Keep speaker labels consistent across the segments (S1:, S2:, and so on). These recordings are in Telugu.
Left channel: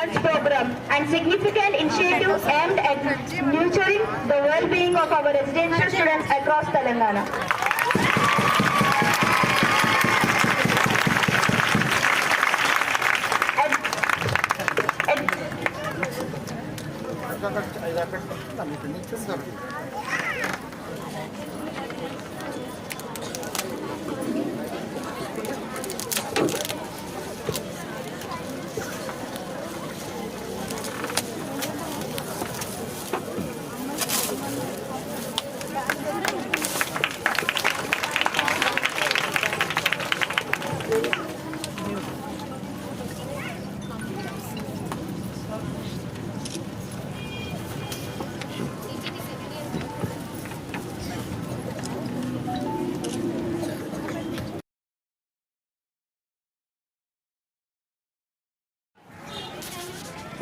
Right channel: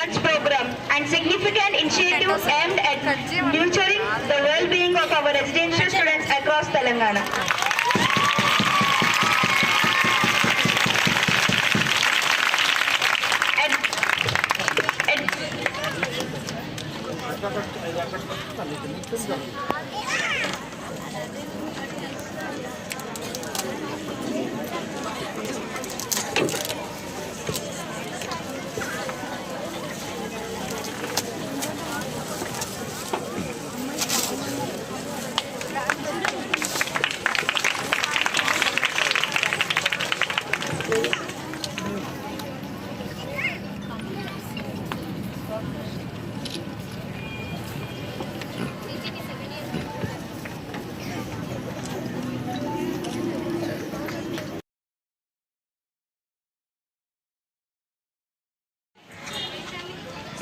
S1: Arts program and significant initiative aimed at nurturing the well-being of our residential students across Telangana.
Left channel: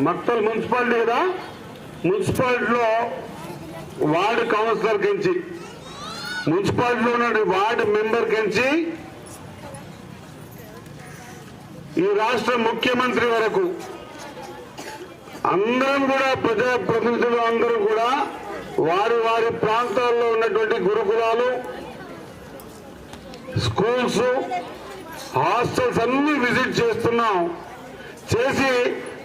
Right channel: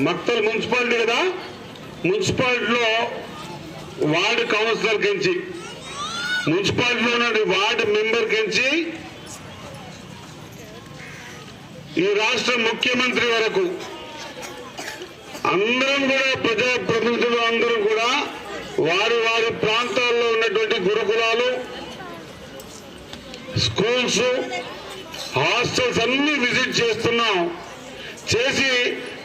S2: Maktal municipality కదా? మున్సిపాలిటీలో వార్డు కౌన్సిలర్ కించి మున్సిపాలిటీలో ఉన్న వార్డు మెంబర్ కించి ఈ రాష్ట్ర ముఖ్యమంత్రి వరకు అందరం కూడా ప్రజాప్రతినిధులు అందరూ కూడా వారి వారి ప్రాంతాల్లో ఉన్నటువంటి గురుకులాలు స్కూల్స్ హాస్టల్స్ అన్ని విజిట్ చేస్తున్నాం. చేసి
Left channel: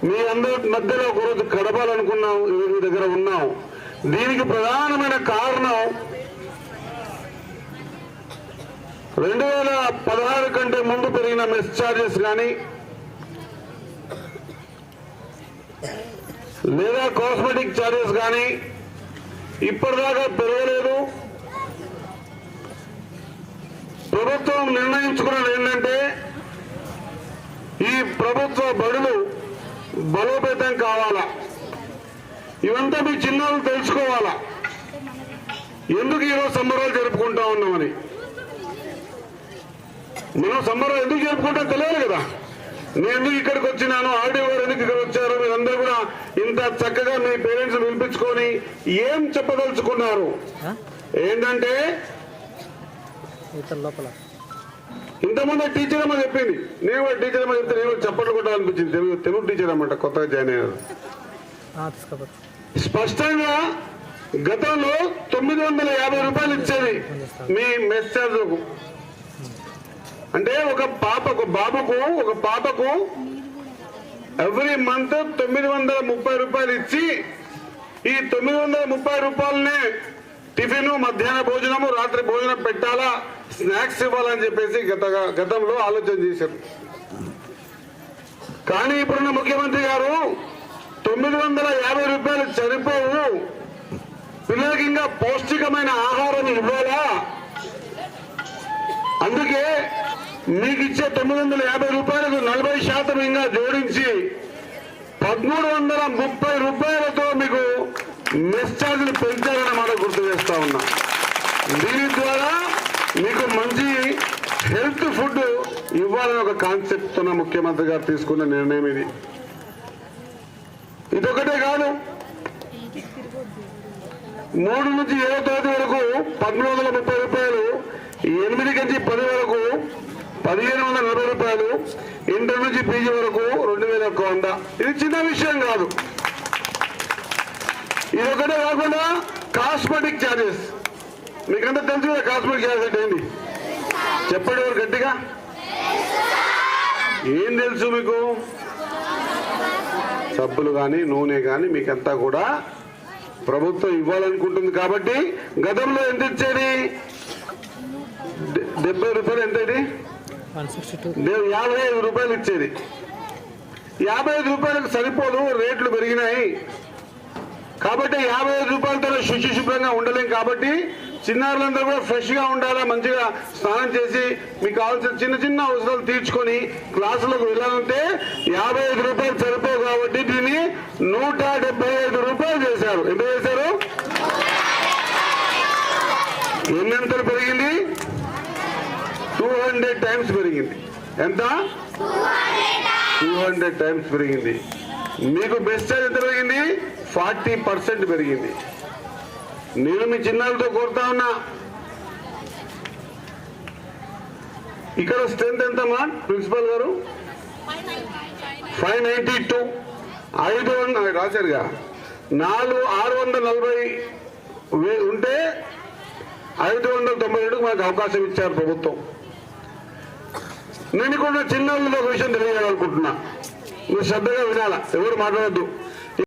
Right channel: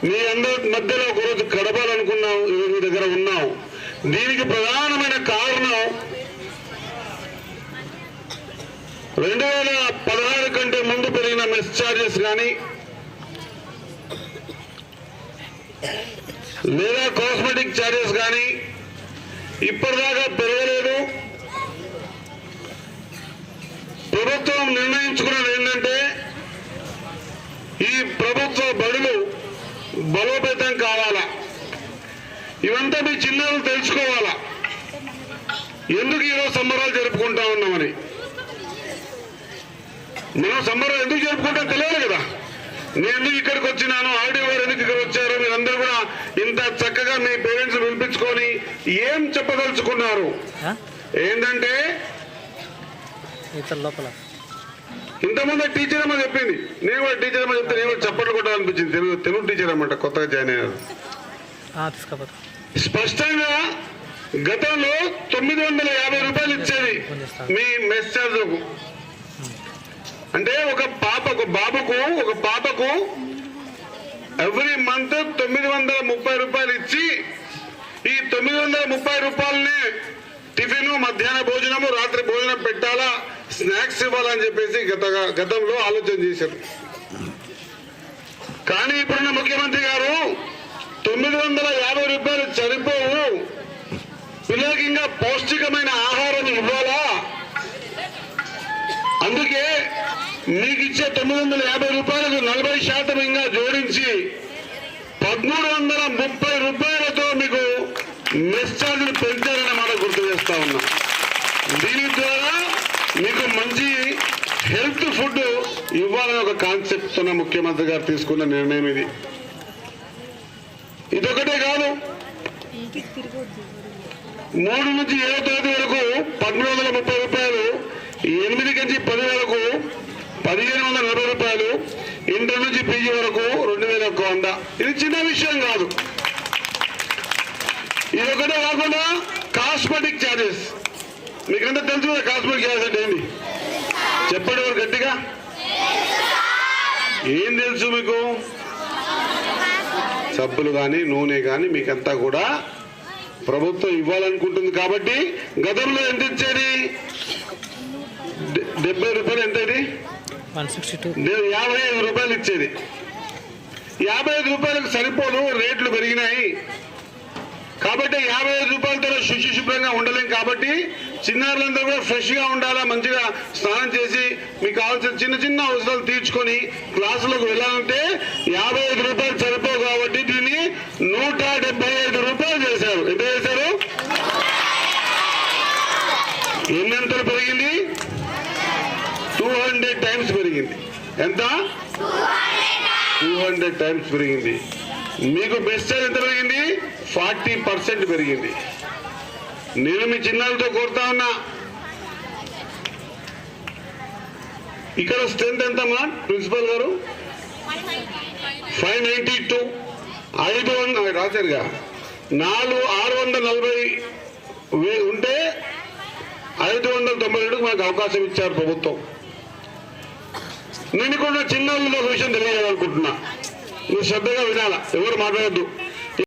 S2: మీ అందరి మధ్యలో ఒకరోజు గడపాలనుకున్నాం ఈరోజు మీ దగ్గర ఉన్నాం దీనికి ప్రధానమైన కారణం రెండు వేల పదహారు కంటే ముందు పెరిగిన మెస్ ఛార్జెస్ కానీ లేదా కాస్మెటిక్ ఛార్జెస్ కానీ ఇప్పటిదాకా పెరగలేదు. ప్రభుత్వం నిర్ణయించుకున్నది ఏంటంటే ఈ ప్రభుత్వ బడులు బలోపేతం కావాలా? ఇవంతా మీ చిన్నారులు తెలుసుకోవాలా? ఎందుకు ఈరోజు సంబరాలు జరుపుకుంటా ఉన్నామని? మనం సంబరం ఎందుకు జరుపుకుంటాం తెలియదు కదా. నేను ఎందుకు ఇక్కడికి వచ్చినాను? ఆడియో గారు ఎందుకు ఇక్కడ వచ్చారు? మీరందరూ కూడా ఇంత చక్కగా మీ పేరెంట్స్ పిలిపించుకొని ఏం చెప్పదలుచుకున్నారు? ఏంటంటే
S3: లోపల.
S2: ఇంతకుముందే టీచర్ అమ్మ చెప్పింది. నేను కూడా టీచర్ అమ్మ చెప్తే నేను చప్పట్లు కొట్టాలనిపించింది. తెలుగు తెలుగు టీచర్ అన్నమాట కొత్తగా జాయిన్ అయ్యారు స్పష్టంగా గతంలో తొమ్మిది వందల యాభై రూపాయలు ఇచ్చేది మీ మెస్ ఛార్జ్ అంటే ఒక పాప ఒక బాబుకు ఒక పాపకు ఎవ్రీ మంత్ తొమ్మిది వందల ముప్పై రూపాయలు ఇచ్చి ఈ తొమ్మిది వందల ముప్పై రూపాయలనే టిఫిన్ మధ్యాహ్న భోజనము రాత్రి భోజనం పెట్టాలా? స్నాక్స్ ఇవ్వాలని చెప్పేసి గత గతంలో ఆలోచన చేశారు. కానీ ఇప్పుడున్న ముఖ్యమంత్రి గారు తొమ్మిది వందల యాభై రూపాయలు సరిపోవు. పిల్లలకి ఇంకా పౌష్టికమైన ఆహారం ఇవ్వాలా? అందుకే మీకు ఇచ్చే తొమ్మిది వందల యాభై రూపాయలకు నలభై శాతం ఇంకా జోడించి పదమూడు వందల ముప్పై రూపాయలతో మీకు మెస్ ఛార్జీలు పెంచాలని మనం గుర్తు చేస్తా ఉన్నా. దీని ద్వారా మీకు మంచి హెల్త్ ఫుడ్ ఇవ్వాలని ఒక కాన్సెప్ట్ ఉన్న ముఖ్యమంత్రి గారు తీసుకున్న నిర్ణయం ఇది. ఇదొకటే కాదు. మూడు నుంచి ఏడో తరగతి వరకు పన్నెండు వందల ముప్పై రూపాయలు ఎనిమిది నుంచి పది వరకు పదిహేను వందల నలభై రూపాయలు ఇంటర్ నుంచి పీజీ వరకు రెండు వేల ఒక్క వంద. ఇది చిన్న విషయం కాదు. ఇది ఒకటే కాకుండా కాస్మెటిక్ ఛార్జెస్ మీకంతా తెలుసు కదా ఛార్జెస్ అంటే ఏంటి? చెప్పండి ఎవరు గట్టిగా? ఏం తెలుసు మీకు? సబ్బులు కానీ నూనె కానీ మీకంతా కూడా ప్రభుత్వం ఇవ్వాలనుకుంటుంది కాబట్టి గతంలో ఎంత ఇచ్చేది? డెబ్బై రూపాయలు ఎంత ఇది? యాభై ఐదు రూపాయలు ఇచ్చేది. యాభై ఐదు రూపాయలకు సరిపోదు రేట్లు పెరిగినాయి. కాబట్టి యాభై ఐదు రూపాయలతో శుచి శుభ్రంగా ఉండలేం కాబట్టి చిన్నారులందరూ కూడా ఫ్రెష్గా ఉండాలా మంచిగా స్నానం చేసి మీకు కావాల్సిన చిన్న చిన్న అవసరాలు తీర్చుకొని క్లాసులకు వెళ్ళాలంటే యాభై ఐదు రూపాయలు సరిపోవు కాబట్టి దీన్ని నూట డెబ్బై ఐదు రూపాయలు చేశారు. ఎంత చేశారు? ఎన్నంతలు పెరిగింది? టూ హండ్రెడ్ టైమ్స్ పెరిగింది. ఎంత? టూ హండ్రెడ్ టైమ్స్ పెరిగింది. మీకు బెస్ట్ ఎంత పెరిగింది? ఫార్టీ పర్సెంట్ పెరిగింది. నేను మీ చిన్నాలతో కోరుతా ఉన్నా. ఇక్కడ స్ట్రెంత్ ఎంతమ్మా ప్రిన్సిపల్ గారు? Five ninety two. ఐదు వందల రాశారుగా నాలుగు ఆరు వందల నలభై వే- ఉంటే ఐదు వందల తొంభై రెండుకు మనకు అవకాశం ఇచ్చారు ప్రభుత్వం. నేను కూడా చిన్న ఊళ్ళో విషయం తెలియజేయాలనుకుంటున్నా నువ్వు శ్రద్ధగా వినాలా? ఎవరు మాట్లాడద్దు.